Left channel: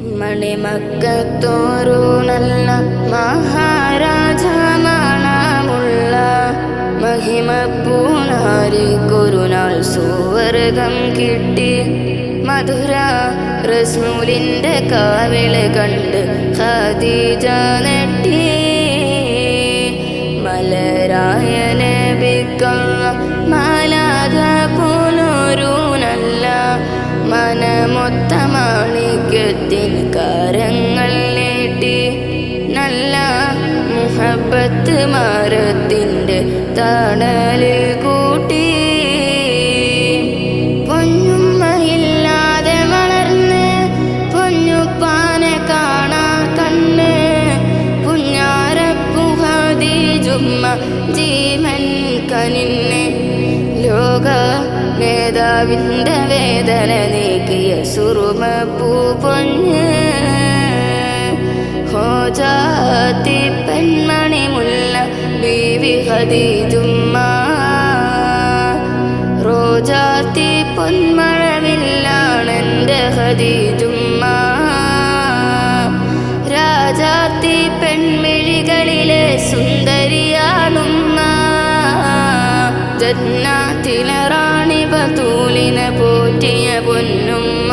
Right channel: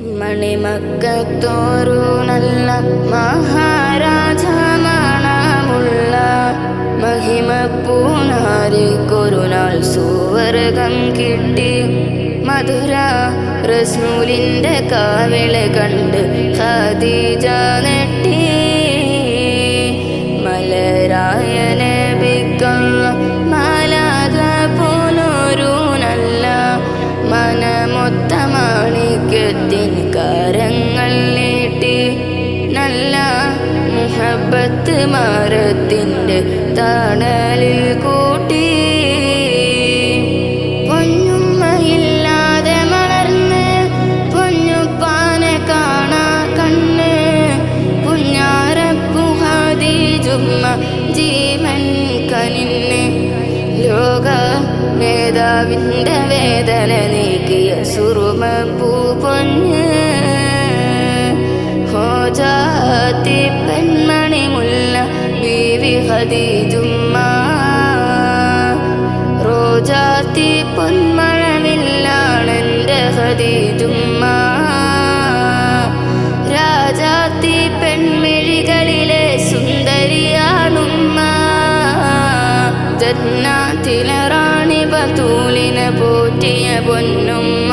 മണിമക്കത്തോരു നല്ല മഹാരാജ മണമുള്ള മഹിമപ്പൂനാരിക്കൊരു നാൾ സുവർഗം കിട്ടി. മധുര റസൂലിൻ്റെ കാവിള് കണ്ട് ഖദീജ നെട്ടി. മലരായ നബിക്കല്ല മാലാഖ പോലൊരു നല്ല മനമൊത്ത മാണിക്യത്തിൻ കരങ്ങൾ നീട്ടി. നല്ല മുഹബത്ത് മരത്തിൻ്റെ തണലിൽ കൂട്ടി. പൊന്നുമ്മയില്ലാതെ വളർന്ന് പൊന്നുപ്പാനെ കാണാ കണ്ണ്. പുഞ്ഞാരപ്പു ഖദീജുമ്മ ജീവൻ കനിന്ന്. ലോക നേതാവിൻ്റെ വേദന നീക്കിയ സുറുമപ്പൂ പൊന്ന്. ഹോജാത്തി പെൺമണി മുല്ല ബീവി ഖദീജുമ്മ. റോജാത്തി പൊന്മഴവില്ലാണെൻ്റെ ഖദീജുമ്മ. രാജാത്തി പെൺമിഴികളിലെ സുന്ദരിയാണുമ്മ. ജന്നാത്തിലെ റാണി ബതൂലിനെ പോറ്റിയ പൊന്നുമ്മ.